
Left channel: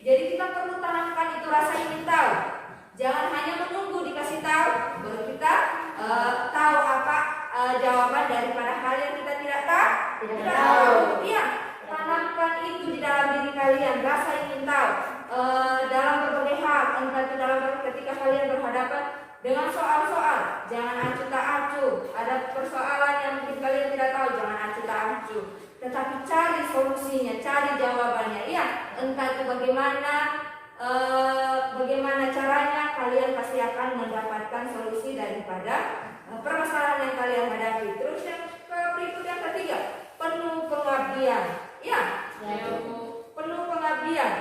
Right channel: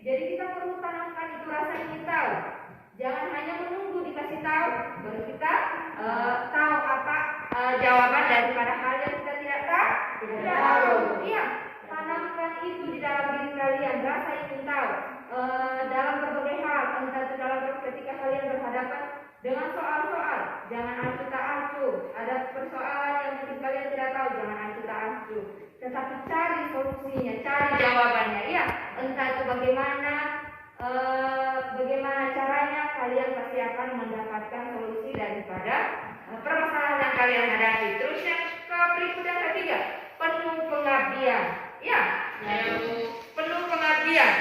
Jadi kita perlu tanamkan itu rasa ingin tahu. Jangan hanya menunggu dikasih tahu baru kita tahu apa jawaban daripada hal yang kita tidak tahu. Iya, tanamkan itu di dalam diri kalian, rasa ingin tahu dalam berbagai hal. Entah itu dalam ketika kalian berhadapan dengan soal-soal, jangan acuh tak acuh. Ada persoalan yang mungkin kalian tidak tahu, jangan acuh tak acuh. Tetapi cari solusinya, cari jawabannya. Ya, entah itu bagaimana caranya, kalian pasti akan mendapatkan solusi daripada permasalahan yang kalian hadapi. Terus yang berikut yang ketiga, penuh pengabdian. Ya, penuh pengabdian.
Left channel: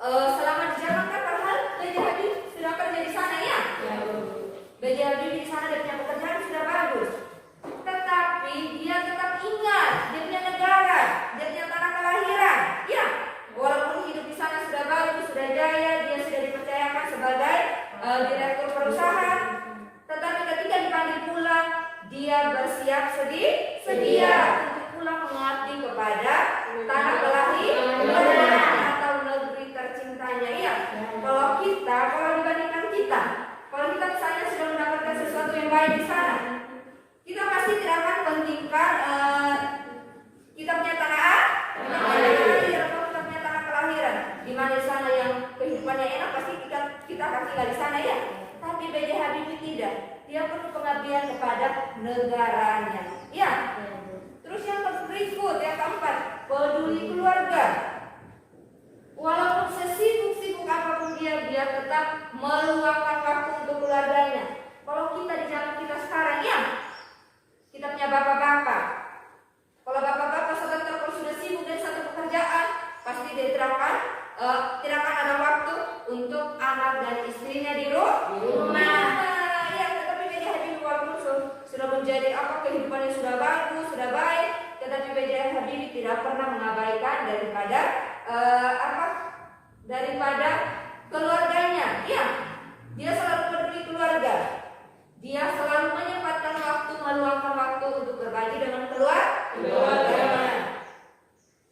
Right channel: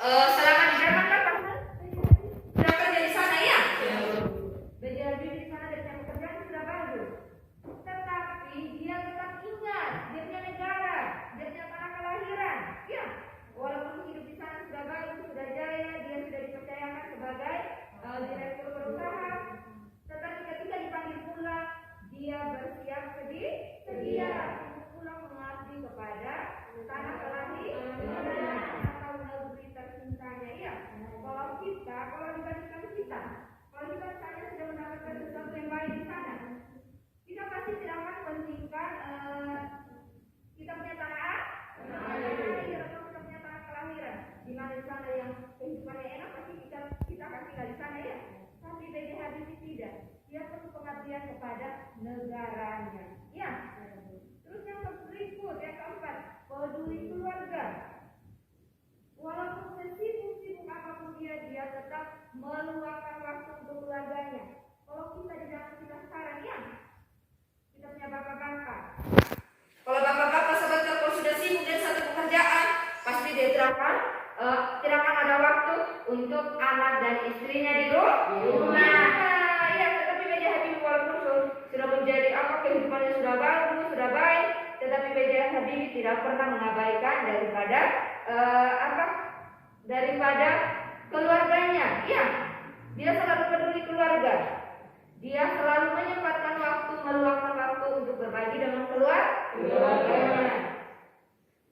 Selama di Jerman kan pernah B.J. Habibie sudah kerja di sana ya. B.J. Habibie di sana dia punya pekerjaan sudah bagus. Tetapi dia tetap ingat dia punya negara, dia punya tanah kelahiran. Ya, walaupun hidup di sana sudah bagus, sudah jaya, dia sudah dipercayakan sebagai direktur perusahaan. Tetapi ketika dipanggil pulang, dia bersiap sedia untuk pulang mengabdi kepada tanah kelahiran atau negeri tercintanya. Iya. Kalau dibandingkan kita, kalau kita misalnya sudah mendapatkan sesuatu yang baik di sana, dia perlu pengabdian kepada negaranya. Ya. Terus yang berikut, yang keempat, peduli keluarga. Walaupun sesibuk-sibuk apapun dia tetap meluangkan waktu untuk keluarganya. Kalau kita di zaman kita sekarang, ya, kita punya bapak-bapak. Kalau bapak-bapak sebentar kalau sudah sibuk dengan satu pekerjaan, pasti dia tidak akan ada waktu untuk anak dan istrinya di rumah. Nah, ya, tetapi B.J. Habibie walaupun sudah menjadi kehidupannya sudah bagus, sudah baik, tetapi B.J. Habibie tidak pernah mengabaikan daripada keluarganya. Ya, dia selalu peduli keluarga. Dia selalu menyempatkan waktu, meluangkan waktu untuk berbagi dengan keluarga.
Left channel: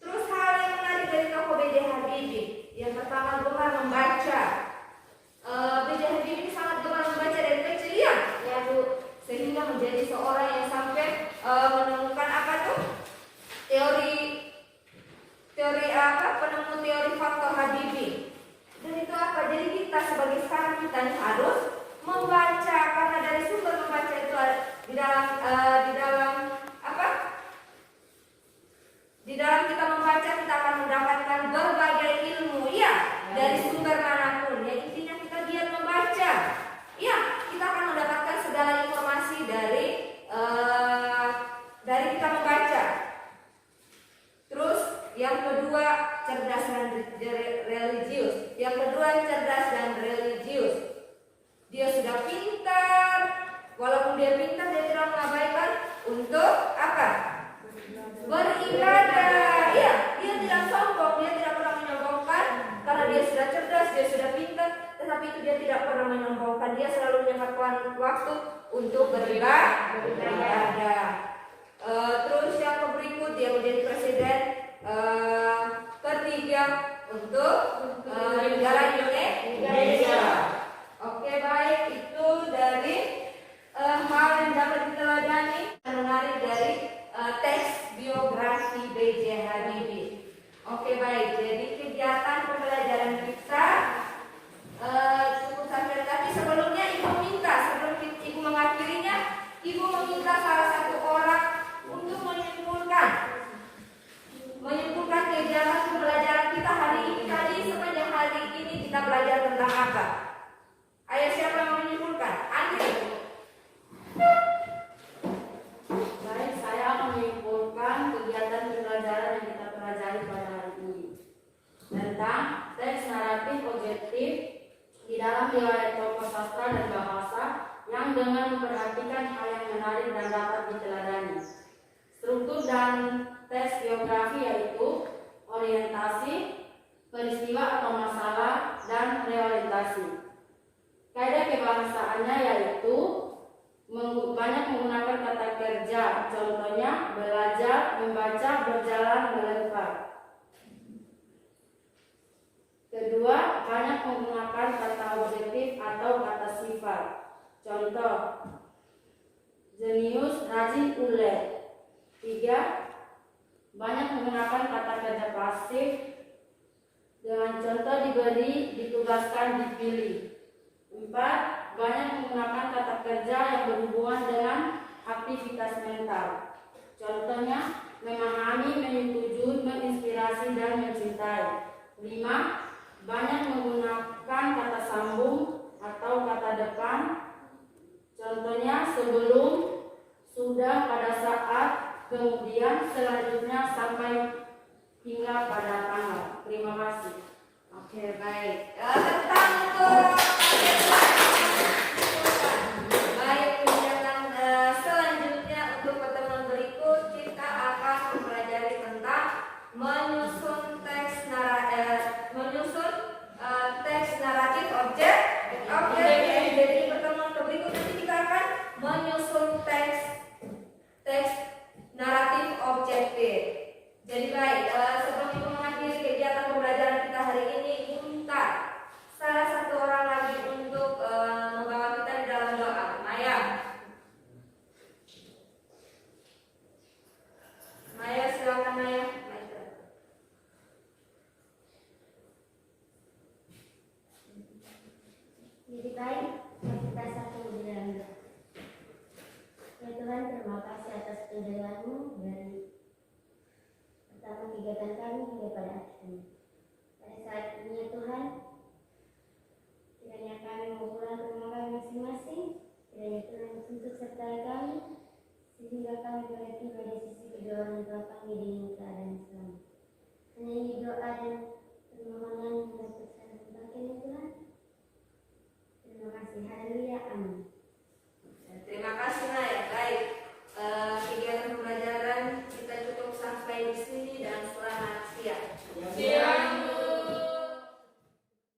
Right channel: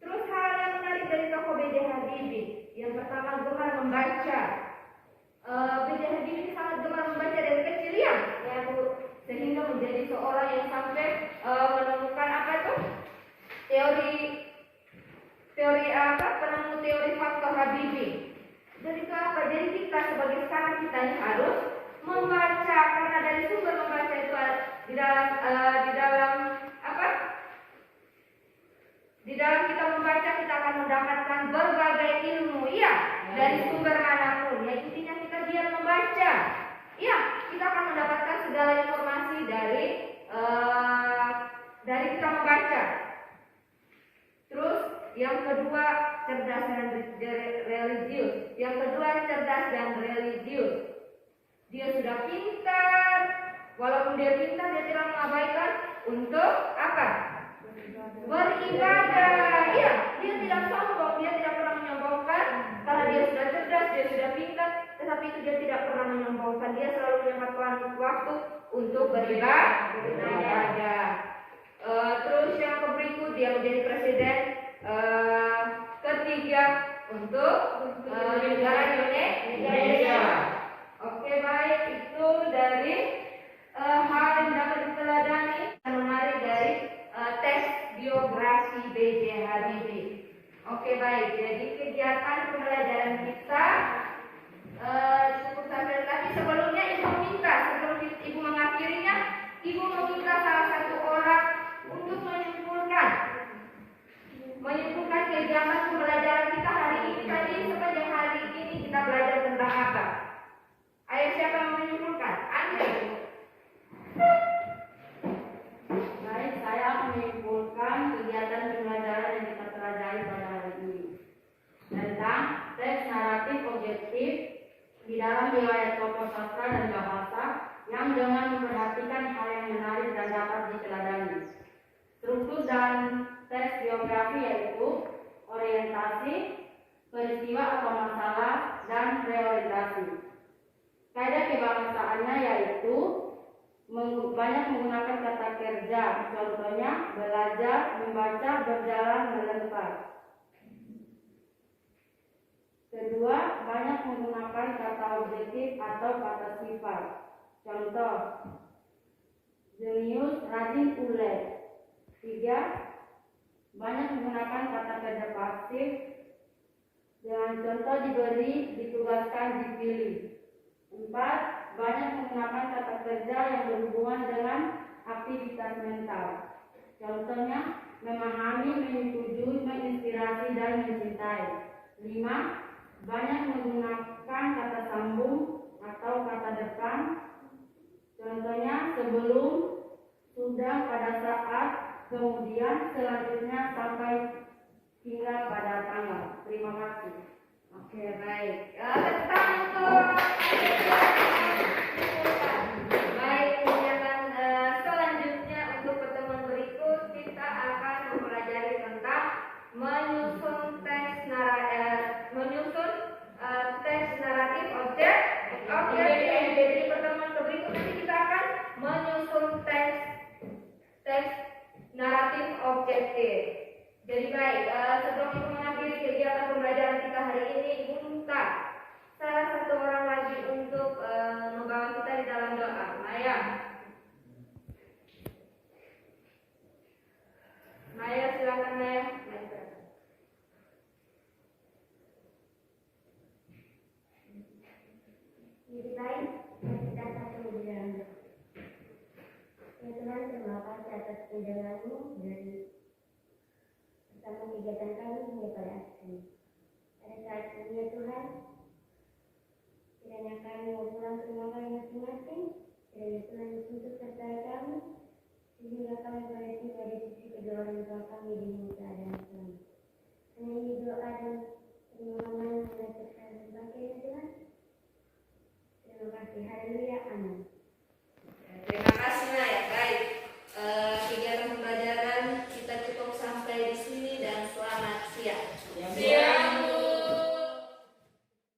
Terus hal yang menarik dari tokoh B.J. Habibie, yang pertama gemar membaca. B.J. Habibie sangat gemar membaca dari kecil, ya, Bu, sehingga menjadi seorang yang sampai menemukan penemu teori faktor Habibie. Dan itu apa? Jadi kita sebagai sekarang kita ini harus membaca, karena dari sumber membaca itu di dalam kita membaca kita akan mendapatkan berbagai ilmu, ya, dari sumber manapun. Ya, intinya kita biar membaca, ya, kita akan mendapatkan segala informasi dari kita membaca. Terus yang kedua, cerdas dan religius. Yang kedua, cerdas dan religius. Dia sudah pintar. Walaupun dia pintar, dia tidak mengabaikan untuk beribadah. Ya, dia tidak sombong, dia tidak pernah menyombongkan karena dia sudah cerdas, dia sudah pintar, tetapi itu dia tidak pernah menyombongkan. Dia selalu menyempatkan waktu untuk beribadah. Terus yang berikut, dia menjadi presiden ketiga untuk negara Indonesia. Oke, baik, itu dari hal yang dapat diteladani menarik dari teks biografi B.J. Habibie. Oke, baik, jadi kegiatan pembelajaran kita cukup sampai, tapi sebelum ibu mengakhirinya, ibu meminta salah satu orang untuk menyimpulkan kegiatan pembelajaran kita hari ini. Tadi sepanjang hari ini kita belajar tentang apa? Ayo, siapa yang mau menyimpulkan? Andi. Baik, saya akan menyimpulkan kegiatan pembelajaran yang kita pelajari pada hari ini tentang teks naratif objektif di dalam riwayat tokoh sastra dan bahasa yang dengan memperhatikan hal yang menarik dan dapat diteladani. Struktur dan teks biografi yaitu orientasi, peristiwa atau masalah, dan realitasi. Kaidah kebahasanya yaitu banyak menggunakan kata kerja, contohnya belajar, membaca, berjalan, melempar. Kedua, banyak menggunakan kata objektif atau kata sifat, contoh jenius, rajin, ulet. Tiga, banyak menggunakan kata kerja pasif dengan contoh diberi, ditugaskan, dipilih. Empat, banyak menggunakan kata kerja yang berhubungan dengan aktivitas mental. Contohnya memahami, menyetujui, menginspirasi, dan mencintai. Lima, banyak menggunakan kata sambung atau kata depan. Contohnya sebelum, sudah, pada saat, kemudian, selanjutnya, sampai, hingga pada tanggal. Terima kasih. Oke, baik. Tentang untuk baik, kegiatan selanjutnya untuk pertemuan berikut kita akan mempelajari tentang menyusun teks naratif objektif. Jadi pertemuan berikut nanti kita akan menyusun teks naratif objektif. Jadi baik, sebelum ibu mengakhiri kegiatan pembelajaran kita hari ini, ibu minta salah satu orang lagi untuk pertanyaan.